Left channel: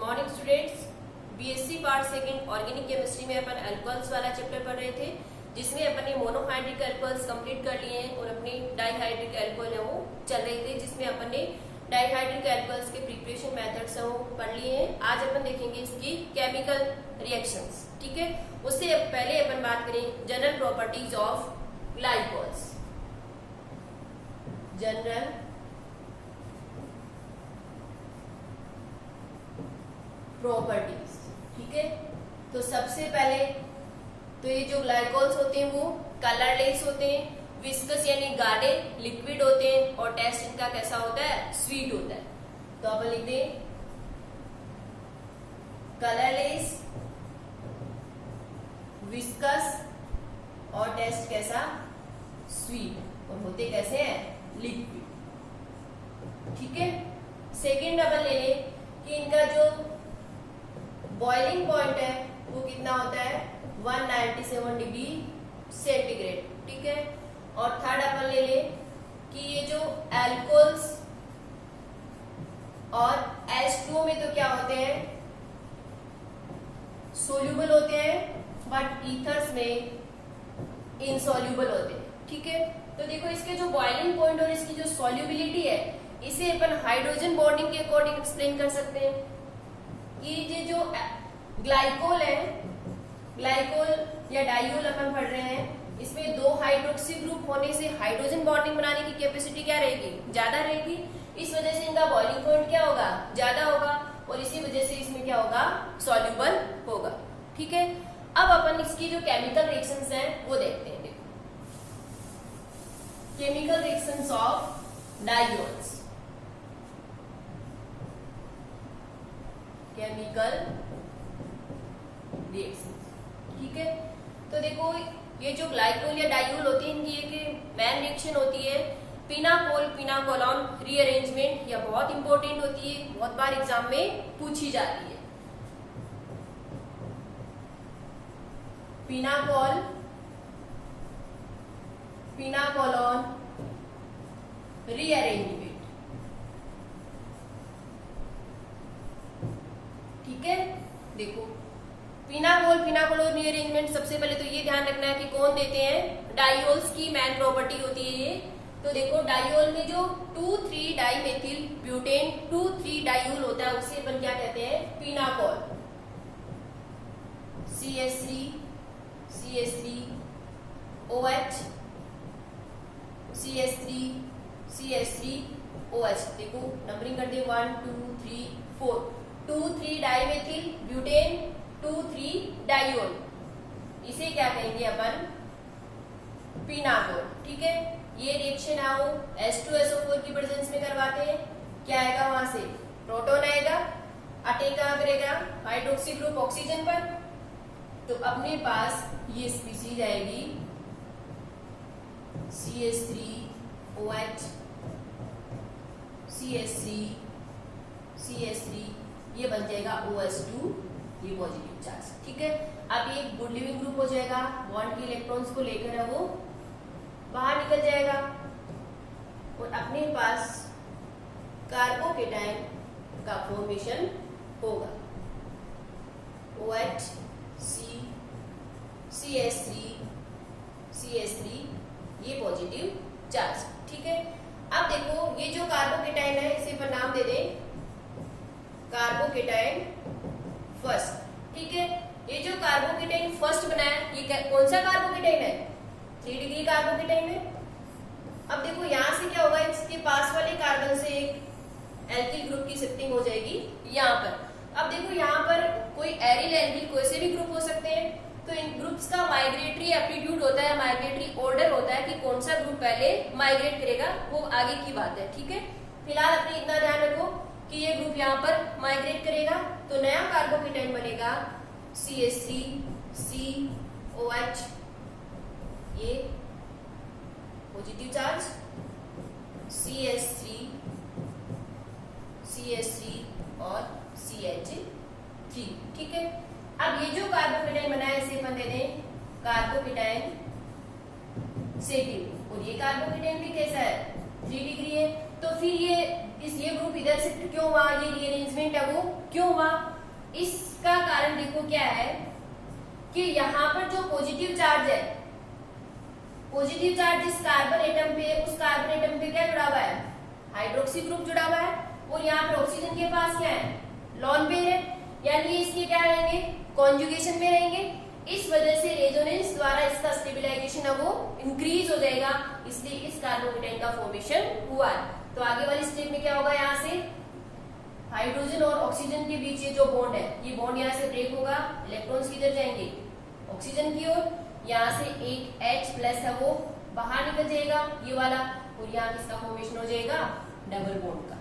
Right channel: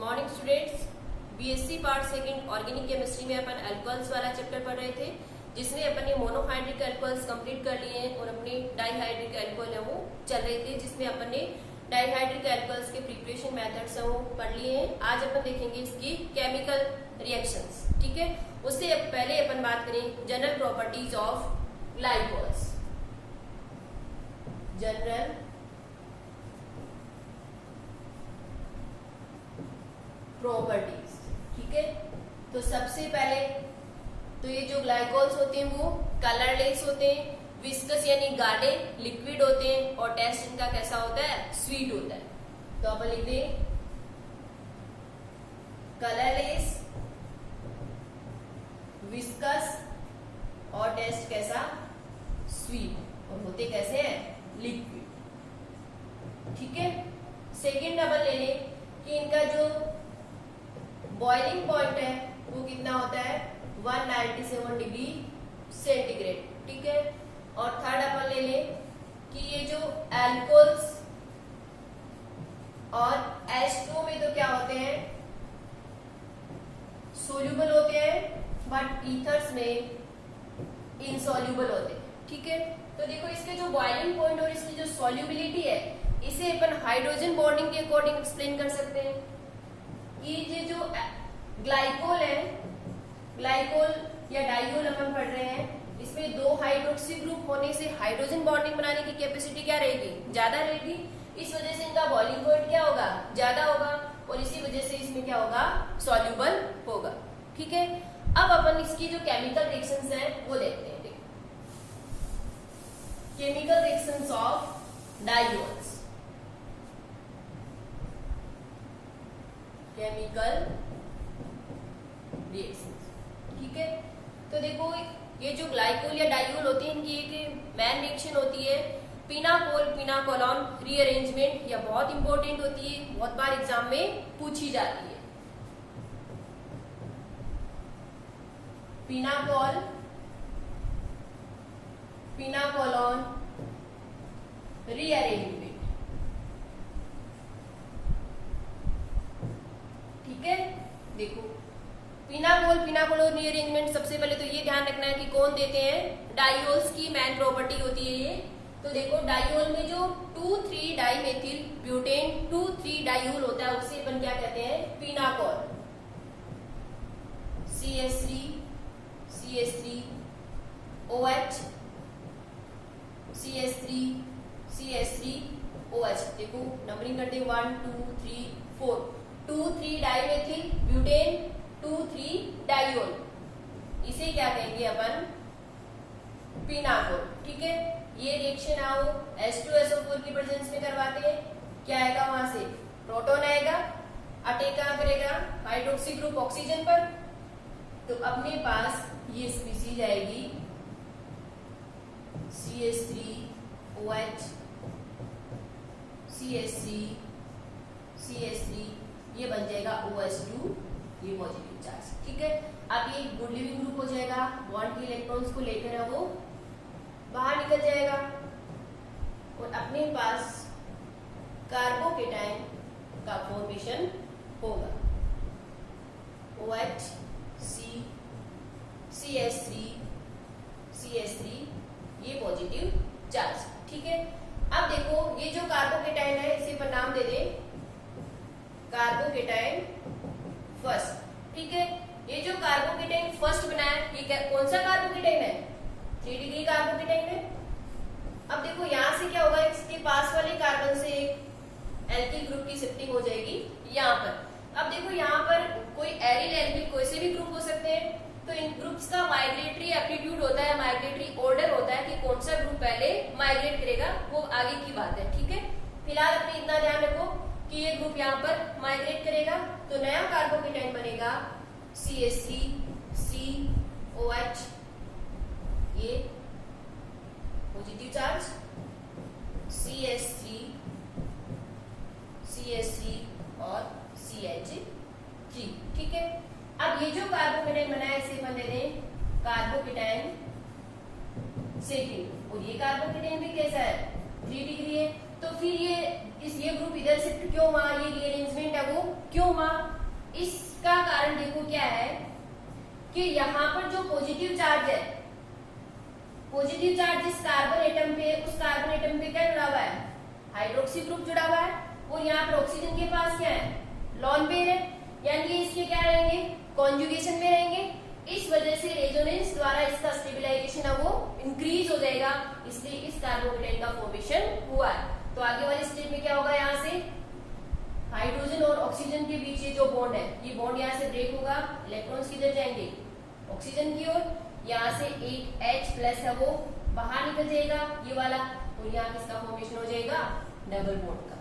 Morning students. BSc part second organic chemistry में अपन alcohols वाला chapter पढ़ रहे थे, जिसमें अपन ने मोनोहाइड्रिक अल्कोहल्स कंप्लीट कर लिए हैं और अपने डाइहाइड्रिक अल्कोहल है वो चल रहे थे, जिसमें अपन ने डाइहाइड्रिक अल्कोहल्स के प्रिपरेशन मेथड्स है वो पढ़ लिए हैं। आज अपन देखेंगे इसकी केमिकल रिएक्शंस। ठीक है, उससे पहले अपन बात करें general properties of glycols. General properties. ठीक है, तो सबसे पहले तो ये जो ग्लाइकोल्स होते हैं वो कलरलेस होते हैं, विस्कस यानी गाढ़े लिक्विड होते हैं और टेस्ट इनका कैसा होता है, स्वीट होता है। तो अपन लिखते हैं कलरलेस, विस्कस और टेस्ट कैसा, स्वीट, और होते कैसे हैं, लिक्विड। ठीक है, सेकेंड अपन ले लें कि इनका जो बॉइलिंग पॉइंट है वो कितना होता है, 197 डिग्री सेंटीग्रेड। ठीक है, और थर्ड अपन ले ले कि ये जो एल्कोहल्स और H2O में तो क्या होते हैं, सोल्यूबल होते हैं, बट ईथर्स में इनसोल्यूबल होते हैं। ठीक है, तो देखो इसके जो बॉइलिंग पॉइंट और इसकी जो सोल्यूबिलिटी है, इसे अपन हाइड्रोजन बॉन्डिंग के अकॉर्डिंग एक्सप्लेन कर सकते हैं कि ये जो ग्लाइकोल है, ग्लाइकोल या डाइयोल अपन पढ़ रहे हैं, इसमें दो हाइड्रोक्सी ग्रुप होने से हाइड्रोजन बॉन्डिंग बनाने की कैपेसिटी क्या रहेगी, ज्यादा रहेगी। इस वजह से इनका बॉइलिंग पॉइंट क्या होगा, ज्यादा होगा, और इसी वजह से इसमें क्या होगा, सॉल्यूबल होगा। ठीक है, अब अपन इसकी जो केमिकल रिएक्शंस हैं वो देखते हैं। Chemical reactions of diols. Chemical reactions. ठीक है, तो देखो ये जो ग्लाइकोल या डाइयोल होती है, इनकी एक मेन रिएक्शन होती है पिनाकोल पिनाकोलॉन रीअरेंजमेंट। यह बहुत इंपॉर्टेंट होती है, बहुत बार एग्जाम में पूछी जाती है। Pinacol pinacolone rearrangement. ठीक है, देखो पिनाकोल पिनाकोलोन रीअरेंजमेंट, सबसे पहले तो ये ध्यान रखना है कि कौन देते हैं, डाइयोल्स की मेन प्रॉपर्टी होती है ये। तो देखो डाइयोल में जो 2,3 डाइमेथिल ब्यूटेन 2,3 डाइयोल होता है, उसे अपन क्या कहते हैं, pinacol. CH3 CH3 OH CH3 CH3 OH। देखो नंबरिंग करते हैं 1 2 3 4, 2,3 डाइमेथिल ब्यूटेन 2,3 डाइयोल, इसे क्या कहेंगे अपन, पिनाकोल। ठीक है, ये रिएक्शन आओ H2SO4 की प्रेजेंस में करवाते हैं, क्या आएगा, वहां से प्रोटॉन आएगा, अटैक कहां करेगा, हाइड्रोक्सी ग्रुप ऑक्सीजन पर, तो अपने पास ये स्पीसीज आएगी CH3OH CH3 CH3, ये बन जाएगा OH2, ये पॉजिटिव चार्ज। ठीक है, अब ये गुड लिविंग ग्रुप हो जाएगा, बॉन्ड के इलेक्ट्रॉन्स को लेकर है वो बाहर निकल जाएगा, और अपने पास कार्बोकेटाइन का फॉर्मेशन होगा, OH C CH3 CH3, ये पॉजिटिव चार्ज। ठीक है, अब देखो ये जो कार्बोकेटाइन है, इसे पर नाम दे दें कार्बोकेटाइन फर्स्ट। ठीक है, ये जो कार्बोकेटाइन फर्स्ट बना है, ये कौन सा कार्बोकेटाइन है, 3 डिग्री कार्बोकेटाइन है। अब देखो यहां से क्या होगा, इसके पास वाले कार्बन से एक एल्किल ग्रुप की शिफ्टिंग हो जाएगी यहाँ पर। अब देखो यहाँ पर कोई एरिल एल्किल कोई से भी ग्रुप हो सकते हैं, तो इन ग्रुप्स का माइग्रेटरी एप्टीट्यूड होता है, माइग्रेटरी ऑर्डर होता है कि कौन सा ग्रुप पहले माइग्रेट करेगा, वो आगे की बात है। ठीक है, फिलहाल अपने इतना ध्यान रखो कि ये ग्रुप यहाँ पर माइग्रेट करेगा, तो नया कार्बोकेटाइन बनेगा CH3 COH, ये पॉजिटिव चार्ज, CH3 CH3 और CH3। ठीक है, अब ये जो कार्बोकेटाइन बना है, इसे अपन दे दें कार्बोकेटाइन सेकेंड, और ये कार्बोकेटाइन भी कैसा है, 3 डिग्री है। तो फिर ये ये ग्रुप इधर शिफ्ट क्यों हुआ, ये रीअरेंजमेंट है वो क्यों हुआ, इसका कारण देखो क्या है कि यहाँ पर जो पॉजिटिव चार्ज है, पॉजिटिव चार्ज जिस कार्बन एटम पे, उस कार्बन एटम पे क्या जुड़ा हुआ है, हाइड्रोक्सी ग्रुप जुड़ा हुआ है, और यहाँ पर ऑक्सीजन के पास क्या है, लॉन पेयर है, यानी ये इसके क्या रहेंगे, कॉन्जुगेशन में रहेंगे। इस वजह से रेजोनेंस द्वारा इसका स्टेबिलाईजेशन है वो इंक्रीज हो जाएगा, इसलिए इस कार्बोकेटाइन का फॉर्मेशन हुआ है। तो आगे वाली स्टेप में क्या होगा, यहाँ से हाइड्रोजन और ऑक्सीजन के बीच ये जो बॉन्ड है, ये बॉन्ड यहाँ से ब्रेक होगा, इलेक्ट्रॉन्स किधर जाएंगे, ऑक्सीजन की ओर, यहाँ से एक H प्लस है वो बाहर निकल जाएगा ये वाला, और यहाँ किसका फॉर्मेशन हो जाएगा, डबल बॉन्ड का,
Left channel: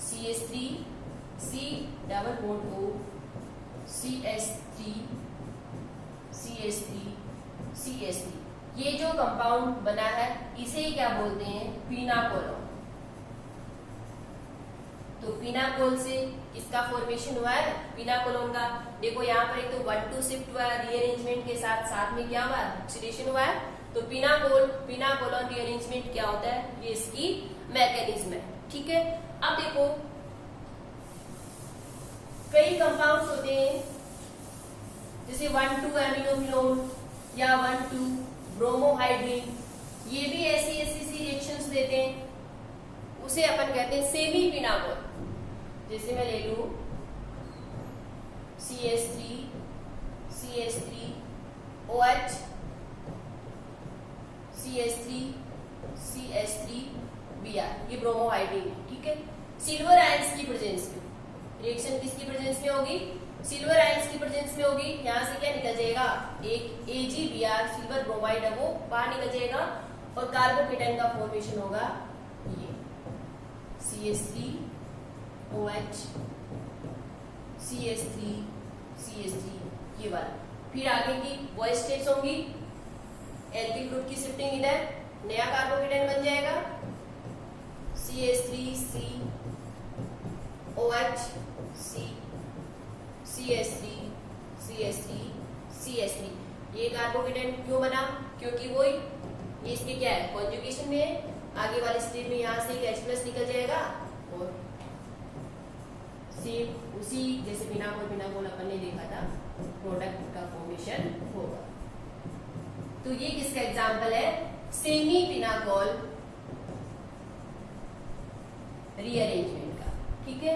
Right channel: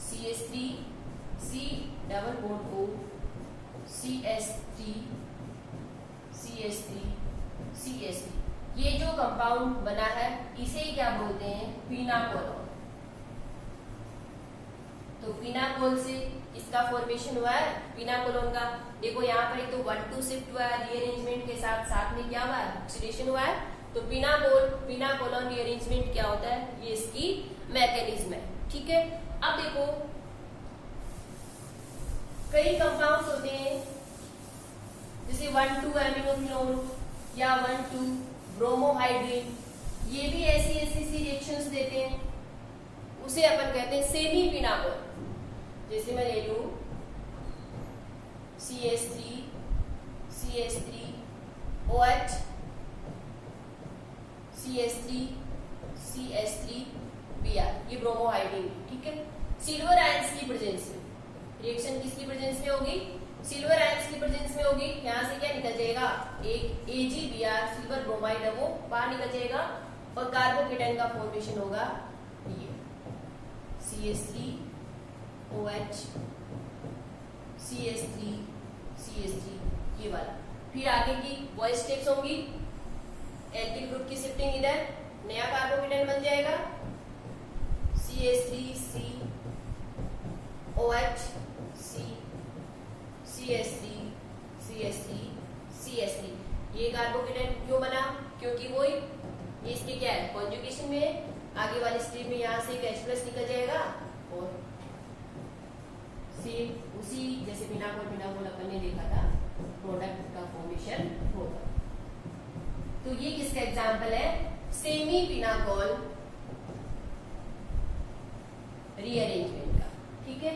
CH3 C double bond O CH3 CH3 CH3, ये जो कंपाउंड बना है इसे ही क्या बोलते हैं, पिनाकोलोन। तो पिनाकोल से इसका फॉर्मेशन हुआ है पिनाकोलोन का। देखो यहाँ पर एक तो 1,2 शिफ्ट हुआ है रीअरेंजमेंट के साथ, साथ में क्या हुआ है, ऑक्सीडेशन हुआ है। तो पिनाकोलोन रीअरेंजमेंट क्या होता है, ये इसकी मैकेनिज्म है, ठीक है। अब देखो कई कंपाउंड्स होते हैं जैसे 1,2 एमिनोफिनोन या 1,2 ब्रोमोहाइड्रिन, ये भी ऐसी सी रिएक्शंस देते हैं, उसे अपन कहते हैं सेमी पिनाकोल। जैसे मैं ले लू CH3 OH CH3 Br, ये ब्रोमोहाइड्रिन, ठीक है। सिल्वर आयंस की प्रेजेंस में रिएक्शन किसकी प्रेजेंस में होगी, सिल्वर आयंस की प्रेजेंस में होगी। यहाँ से क्या निकल जाएगा, एक AgBr सिल्वर ब्रोमाइड है वो बाहर निकल जाएगा, और कार्बोकेटाइन का फॉर्मेशन होगा ये CH3 OH CH3 ये वाला। फिर आगे की वो स्टेप्स होंगी, एल्किल ग्रुप की शिफ्टिंग, इधर नया कार्बोकेटाइन बन जाएगा CH3C OH CH3 ये कार्बोकेटाइन क्यों बना, क्योंकि वो इसके क्या है, कॉन्जुगेशन में है। आगे वाले स्टेप में यहाँ से एक H+ निकल जाएगा, और सेम उसी जैसे पिनाकोल अपन ने देखा था, प्रोडक्ट का फॉर्मेशन होगा। तो ये किसका एग्जाम्पल है, सेमी पिनाकोल रीअरेंजमेंट का, ठीक है।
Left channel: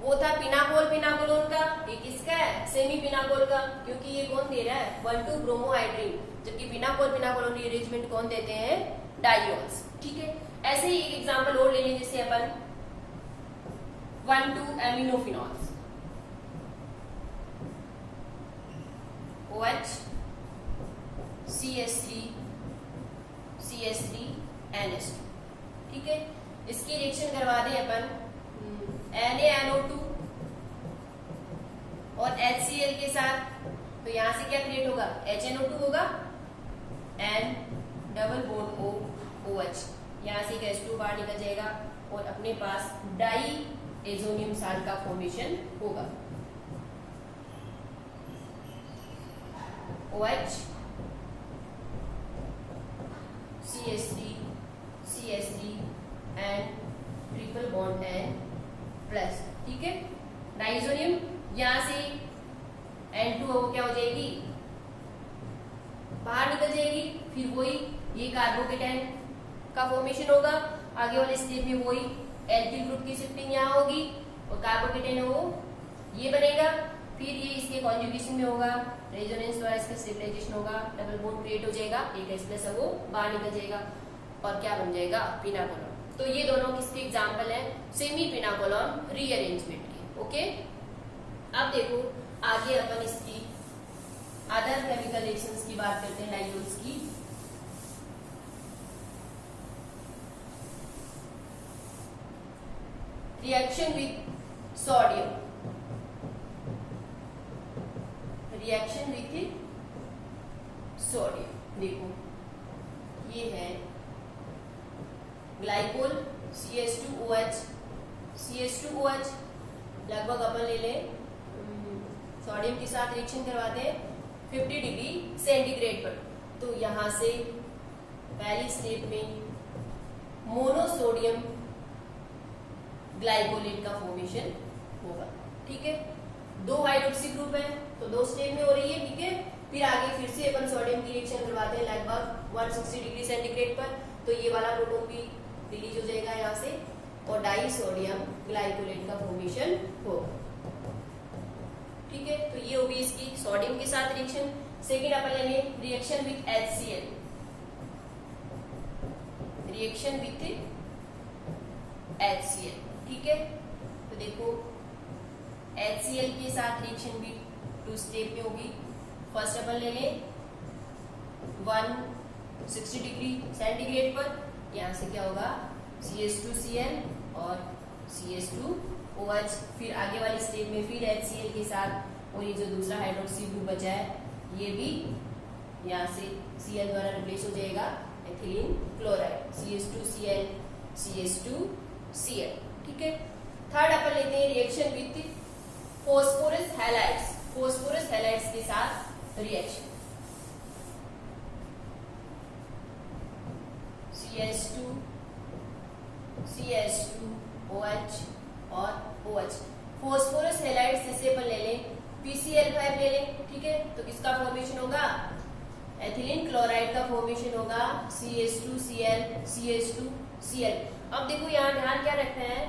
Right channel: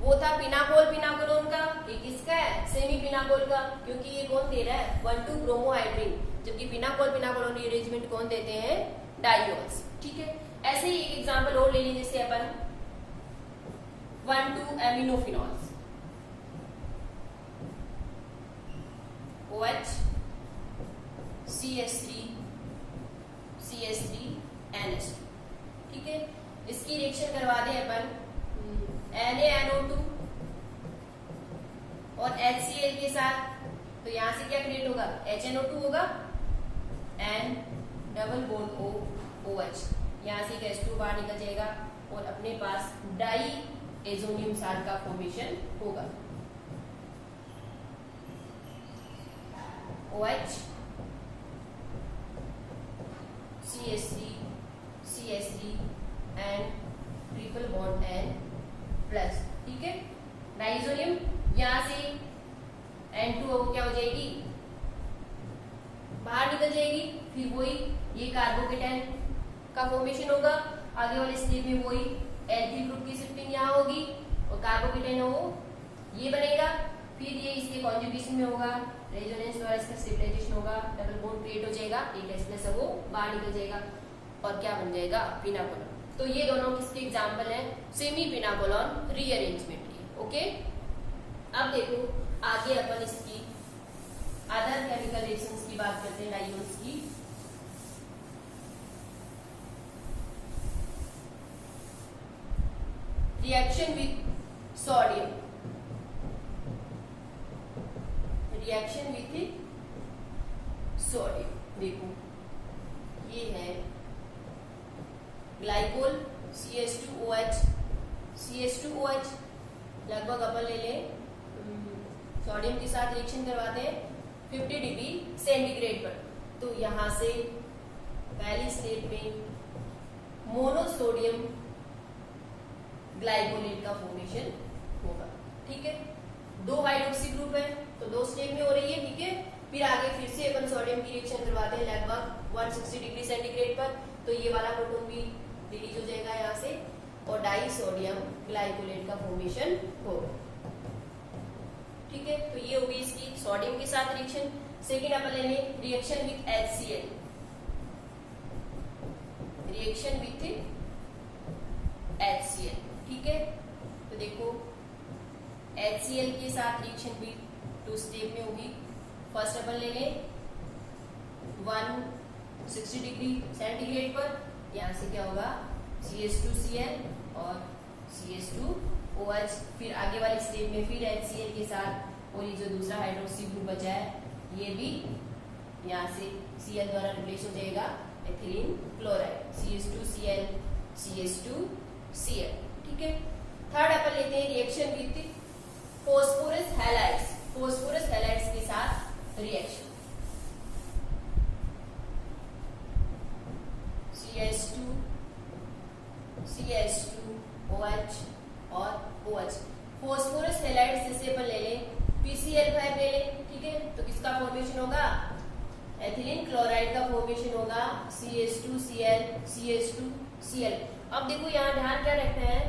वो था पिनाकोलोन का, ये किसका है, सेमी पिनाकोल का, क्योंकि ये कौन दे रहा है, 1,2 ब्रोमोहाइड्रिन, जबकि पिनाकोलोन रीअरेंजमेंट कौन देते हैं, डायोल्स, ठीक है। ऐसे ही एक एग्जांपल और ले लें, जैसे अपन 1,2 एमिनोफिनॉल्स OH CH3 NH2, ठीक है। इसकी रिएक्शन करवा दें अपन NaNO2 और HCl के साथ, तो यहां से क्या क्रिएट होगा, HNO2 होगा, N double bond O OH, यहां से एक H2 बाहर निकल जाएगा, और अपने पास डाई एजोनियम साल्ट का फॉर्मेशन होगा, OH CH3 and triple bond N plus, ठीक है। नाइट्रोजोनियम यहां से N2 वो क्या हो जाएगी, बाहर निकल जाएगी, फिर वही ये कार्बोकेटाइन का फॉर्मेशन होगा। आगे वाले स्टेप में वही एल्किल ग्रुप की शिफ्टिंग यहाँ होगी, और कार्बोकेटाइन वो ये बनेगा, फिर ये इसके कॉन्जुगेशन में होगा, रेजोनेंस द्वारा इसका स्टेबलाइजेशन होगा, डबल बॉन्ड क्रिएट हो जाएगा, एक H+ है वो बाहर निकल जाएगा, और क्या बन जाएगा, पिनाकोलोन। तो ये दोनों किसके एग्जाम्पल है, सेमी पिनाकोलोन रीअरेंजमेंट की, ओके। अब देखो आगे अपन इसकी अदर केमिकल रिएक्शंस की बात करते हैं, डायोल्स की। रिएक्शन विथ सोडियम, देखो ये है ग्लाइकोल CH2OH लगभग अपन ले लें सोडियम के साथ रिएक्शन करवाते हैं 50 डिग्री सेंटीग्रेड पर। तो यहां से पहली स्टेप में मोनोसोडियम ग्लाइकोलेट का फॉर्मेशन होगा। ठीक है, 2 हाइड्रोक्सी ग्रुप है तो 2 स्टेप में हो रही है। ठीक है, फिर आगे फिर से अपन सोडियम की रिएक्शन करवाते हैं लगभग 160 डिग्री सेंटीग्रेड पर, तो ये वाला प्रोटॉन भी रिलीज हो जाएगा यहाँ से और डाई सोडियम ग्लाइकोलेट का फॉर्मेशन होगा। ठीक है, तो ये होगी इसकी सोडियम के साथ रिएक्शन। सेकेंड अपन लेंगे reaction with HCl, reaction with HCl। ठीक है, तो देखो HCl के साथ रिएक्शन भी 2 स्टेप में होगी। फर्स्ट अपन ले लें 160 डिग्री सेंटीग्रेड पर, यहां से क्या होगा CH2Cl और CH2OH। फिर आगे वाली स्टेप में फिर HCl के साथ, और ये जो दूसरा हाइड्रोक्सी ग्रुप बचा है ये भी यहाँ से Cl द्वारा रिप्लेस हो जाएगा एथिलीन क्लोराइड, CH2Cl CH2Cl। ठीक है, थर्ड अपन लेते हैं reaction with phosphorus halides, phosphorus halides के साथ रिएक्शन। CH2OH और OH, फॉस्फोरस हैलाइड्स जिससे अपन ले लें PCl5 ले लें। ठीक है, तो किसका फॉर्मेशन होगा एथिलीन क्लोराइड का फॉर्मेशन होगा CH2Cl CH2Cl। अब देखो यहाँ ध्यान क्या रखना है,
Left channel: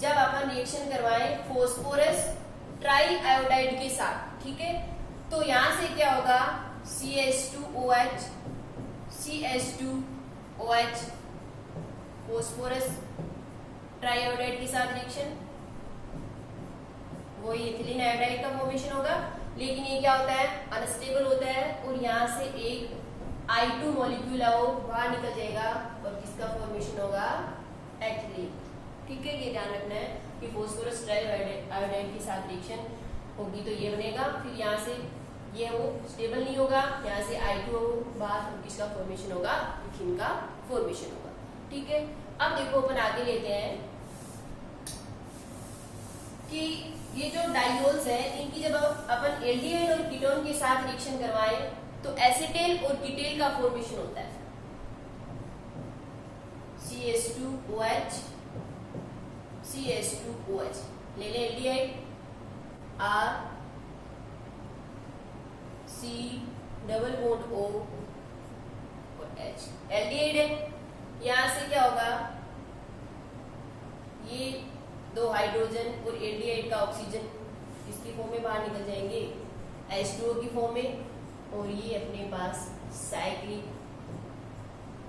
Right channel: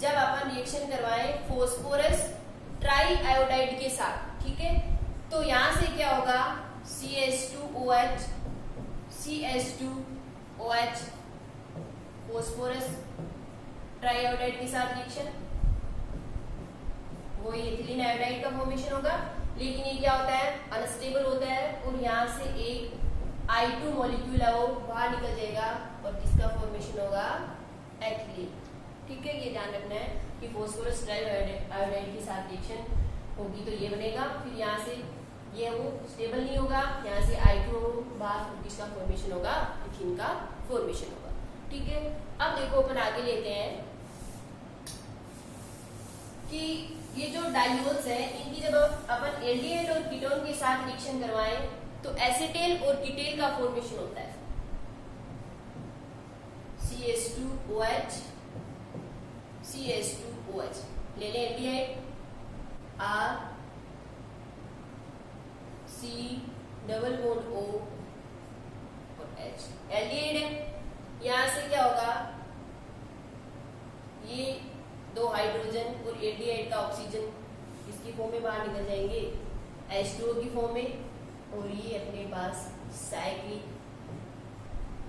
जब अपन रिएक्शन करवाएं फॉस्फोरस ट्राई आयोडाइड के साथ, ठीक है, तो यहां से क्या होगा CH2OH CH2OH, phosphorus try iodide के साथ रिएक्शन, वही एथिलीन आयोडाइड का फॉर्मेशन होगा। लेकिन ये क्या होता है अनस्टेबल होता है और यहाँ से एक I2 मॉलिक्यूल है वो बाहर निकल जाएगा और किसका फॉर्मेशन होगा एथिलीन। ठीक है, ये ध्यान रखना है कि फॉस्फोरस ट्राई आयोडाइड के साथ रिएक्शन होगी तो ये बनेगा। फिर यहाँ से ये वो स्टेबल नहीं होगा, यहाँ से I2 बाहर और किसका फॉर्मेशन होगा एथिलीन का फॉर्मेशन होगा। ठीक है, अब देखो अपन आगे लेते हैं कि ये जो डाइयोल्स है इनकी जब अपन एल्डिहाइड और कीटोन के साथ रिएक्शन करवाएं तो एसीटेल और कीटेल का फॉर्मेशन होता है CH2OH CH2OH। ले लें aldehyde R C double bond O और H, एल्डिहाइड है। यहां से क्या होगा ये 2 हाइड्रोजन और एल्डिहाइड का ऑक्सीजन इसकी फॉर्म में बाहर निकल जाएंगे H2O की फॉर्म में, और ये अपने पास साइक्लिक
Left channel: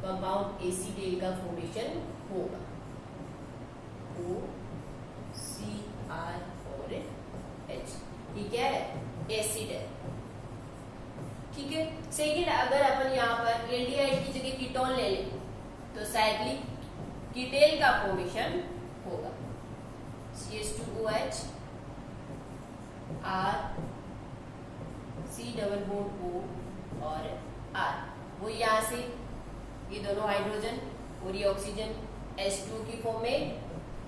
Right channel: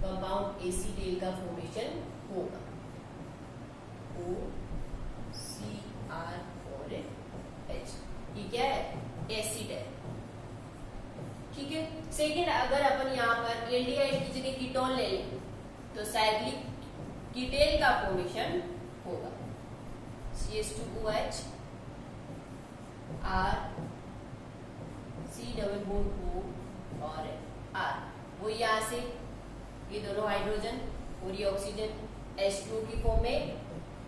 कंपाउंड एसीटेल का फॉर्मेशन होगा OCR और H। ये क्या है एसिड है। ठीक है, सेकेंड अगर अपन यहाँ पर एल्डिहाइड की जगह कीटोन ले लें तो साइक्लिक कीटेल का फॉर्मेशन होगा CH2OH R C double bond O और R। वो यहाँ से ये दोनों हाइड्रोजन और ये ऑक्सीजन H2O की फॉर्म में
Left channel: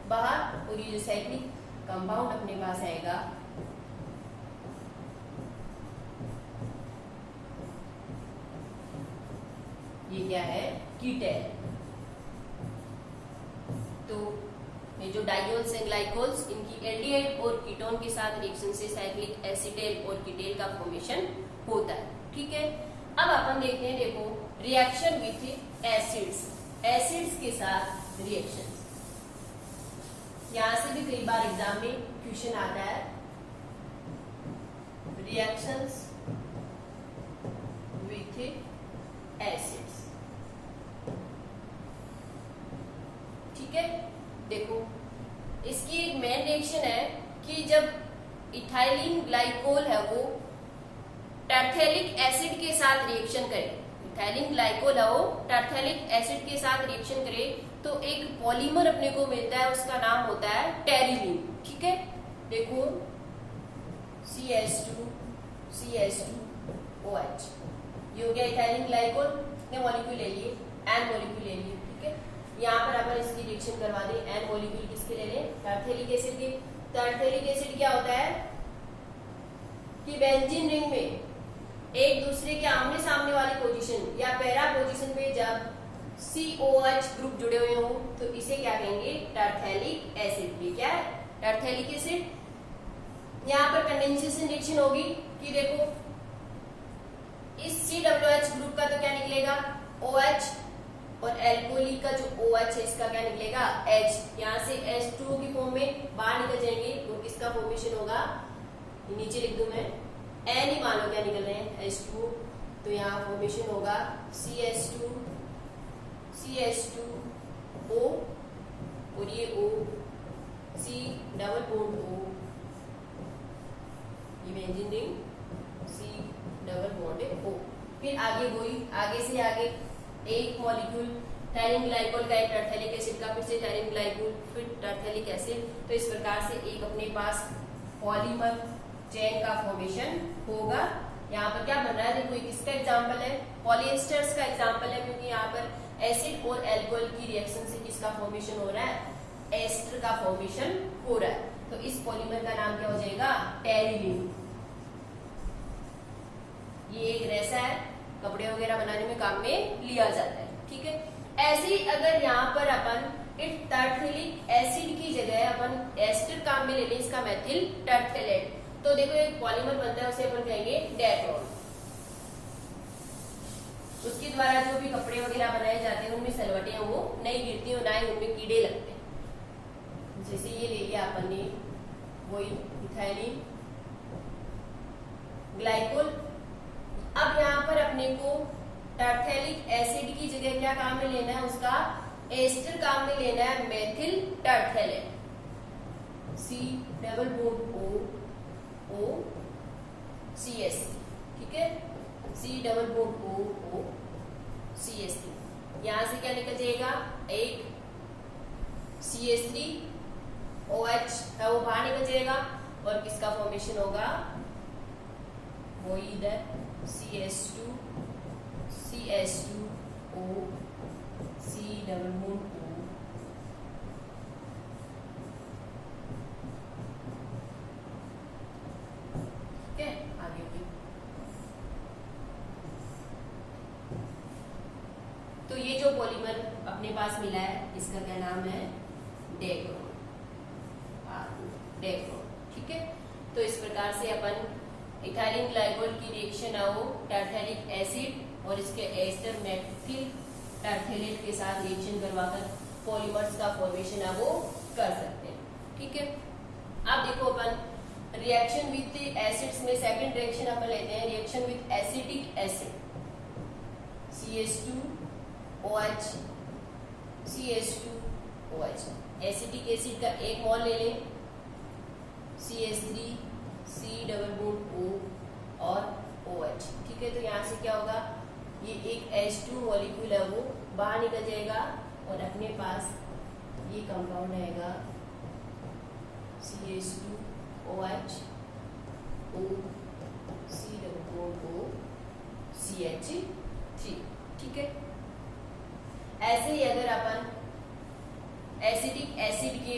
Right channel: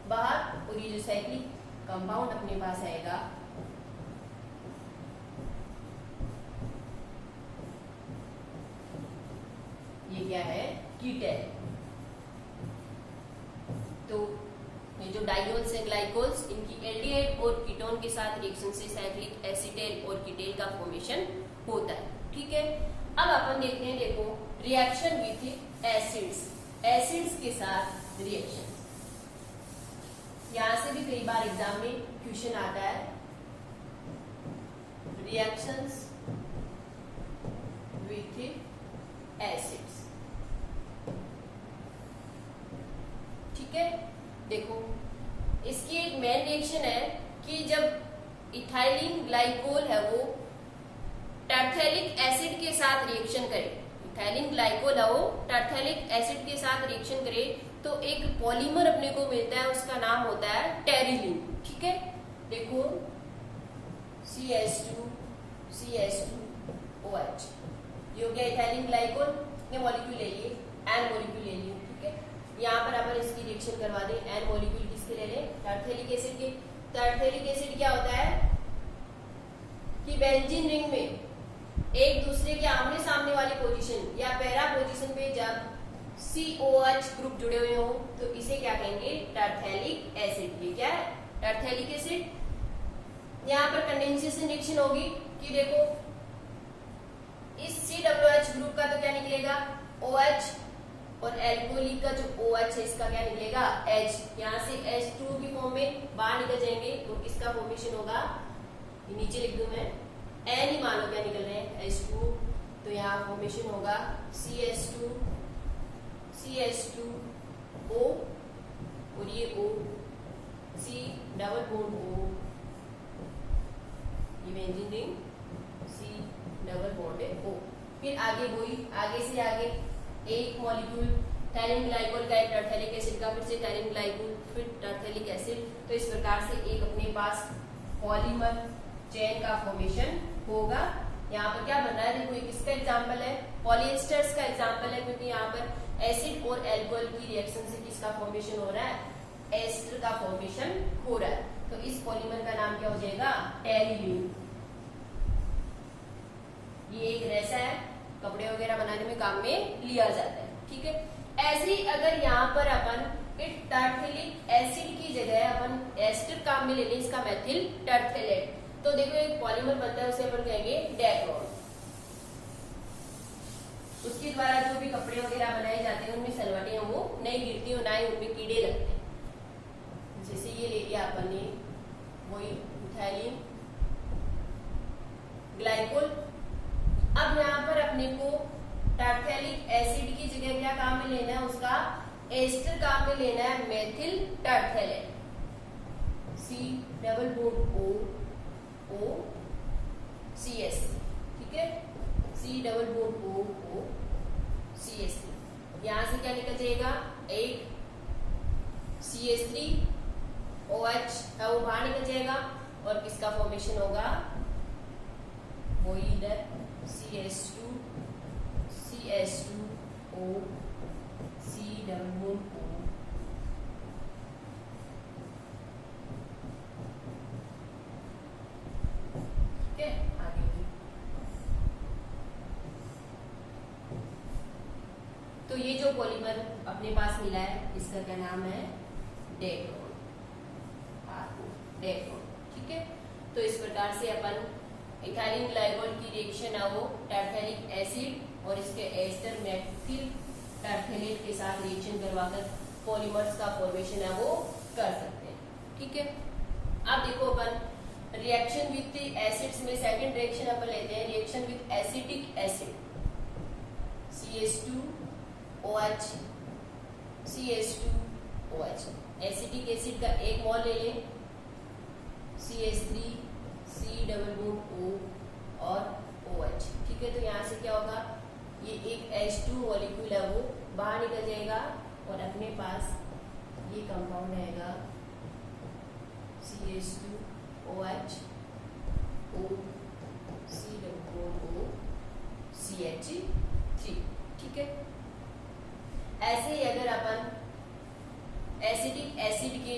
बाहर, और ये जो साइक्लिक कंपाउंड अपने पास आएगा ये क्या है कीटेल। तो ये जो डाइयोल्स हैं ग्लाइकोल्स इनकी एल्डिहाइड और कीटोन के साथ रिएक्शन से साइक्लिक एसीटेल और कीटेल का फॉर्मेशन होता है। ठीक है, अब अपन देखते हैं देखो रिएक्शन विथ एसिड्स, एसिड्स के साथ रिएक्शन। यहां से भी कई बार एग्जाम में क्वेश्चन आता है रिएक्शंस विथ एसिड्स। ठीक है, देखो इसकी एक मेन रिएक्शन है कि जब इथाइलिन ग्लाइकोल है वो टैर्थेलिक एसिड के साथ रिएक्शन करे, इथाइलिन ग्लाइकोल है वो टैर्थेलिक एसिड के साथ रिएक्शन करे तो एक पॉलीमर अपने को मिलता है, उसका नाम होता है टेरिलीन। ठीक है, देखो CH2 CH2OH, ये हो गया इथाइलिन ग्लाइकोल ने मॉलिक्यूल ले लिए, एन मॉलिक्यूल ले लिए। ठीक है, यहाँ पर अपन इसकी रिएक्शन करवा दें, एन मॉलिक्यूल किसके ले लें टैर्थेलिक एसिड के। टैर्थेलिक एसिड क्या होता है कि बेंजीन रिंग में एक दूसरे के आमने सामने वाली पोजीशन या पैरा पोजीशन पे जब COH ग्रुप जुड़े हुए हो तो इसे क्या कहेंगे, टरथैलिक एसिड। ये क्या है, टरथैलिक एसिड। यहां पर कंडेंसेशन रिएक्शन होगी कि देखो इस COH ग्रुप का तो क्या निकलेगा, OH, और एल्कोहलिक का जो OH है इसका क्या निकलेगा, H। यहां से H2O की फॉर्म में बाहर निकल जाएंगे और किसका फॉर्मेशन होगा, नीचे लिख दूं मैं, N ही मान लो क्या निकल रहे हैं, H2O। तो यहाँ फॉर्मेशन होगा CH2, CH2O और ये O, C double bond O, ये benzene ring, C double bond है O। फिर आगे वही, आगे से आगे एक मॉलिक्यूल टायरिन ग्लाइकोल का, एक टरथैलिक एसिड का, फिर से टायरिन ग्लाइकोल, फिर टरथैलिक एसिड। तो इस प्रकार से एक अपने पास पॉलीमर चेन का फॉर्मेशन होगा। यहाँ पर क्या बन रहा है, देखो एक किसका एग्जांपल है, पॉलिएस्टर्स का एग्जांपल है, क्योंकि यहाँ पर एसिड और एल्कोहल की रिएक्शन से किसका फॉर्मेशन हो रहा है, एस्टर का फॉर्मेशन हो रहा है। तो इस पॉलीमर का नाम क्या हो जाएगा, टेरिलीन। ये एक रेसा है, कपड़े वगैरह बनाने में काम में लिया जाता है, ठीक है। ऐसे ही अगर यहाँ पर अपन एक टरथैलिक एसिड की जगह अपन एस्टर काम में ले लें, इसका मेथिल टरथैलेट, तो देखो एक पॉलीमर बनता है, उसे अपन कहेंगे डेक्रोन। उसके द्वारा जो भी कपड़े वगैरह बनाए जाते हैं उनमें सलवटें वो नहीं गिरती और ना ही उनमें कीड़े लगते हैं। जैसे ये ले लिया अपन ने, वही इथाइलिन ग्लाइकोल। अब यहाँ पर अपने को टरथैलिक एसिड की जगह क्या काम में लेना है, उसका एस्टर काम में लेना है, methyl terephthalate, C double bond O CH, ठीक है, C double bond O CH। यहां से क्या निकल जाएगा, एक CH3 OH है वो बाहर निकल जाएगा और किसका फॉर्मेशन होगा, वही इधर CH2 CH2O C double bond O। ठीक है, आगे भी। तो ये जो पॉलीमर अपने पास मिला है इसका क्या नाम है, डेक्रोन, डेक्रोन, ठीक है। तो इस प्रकार से अपन इथाइलिन ग्लाइकोल की रिएक्शन है वो टरथैलिक एसिड और इसके एस्टर मेथिल टरथैलेट के साथ रिएक्शन करवाकर पॉलीमर्स का फॉर्मेशन है वो कर सकते हैं, ठीक है। अब देखो अपन रिएक्शन विथ एसिड्स में सेकंड रिएक्शन अपन लेते हैं, reaction with acetic acid, CH2OH CH2OH। Acetic acid का एक मोल ले लें, CH3 C double bond O और OH, ठीक है। तो यहाँ से क्या होगा, ये एक H2 मॉलिक्यूल है वो बाहर निकल जाएगा और अपने पास ये कंपाउंड आएगा CH2OH O C double bond O CH3, ठीक है। ऐसे ही अगर अपन एसिटिक एसिड के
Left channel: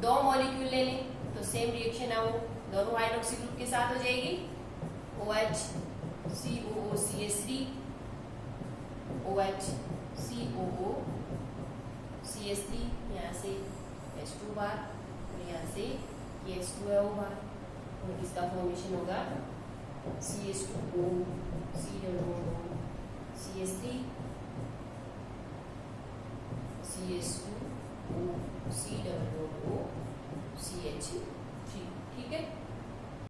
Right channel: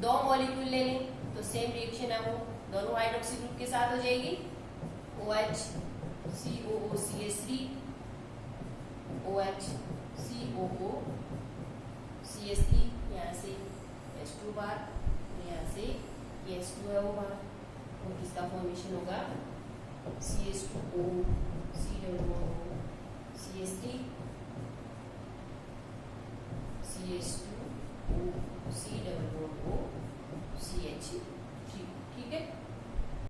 दो मॉलिक्यूल ले लें तो सेम रिएक्शन है वो दोनों हाइड्रोक्सी ग्रुप के साथ हो जाएगी, OH COO CH3 OH COO CH3, यहाँ से H2 बार और यहाँ से H2O बार और इसका फॉर्मेशन होगा CH2O C double bond O CH3 CH2O C double bond O CH3, ठीक है।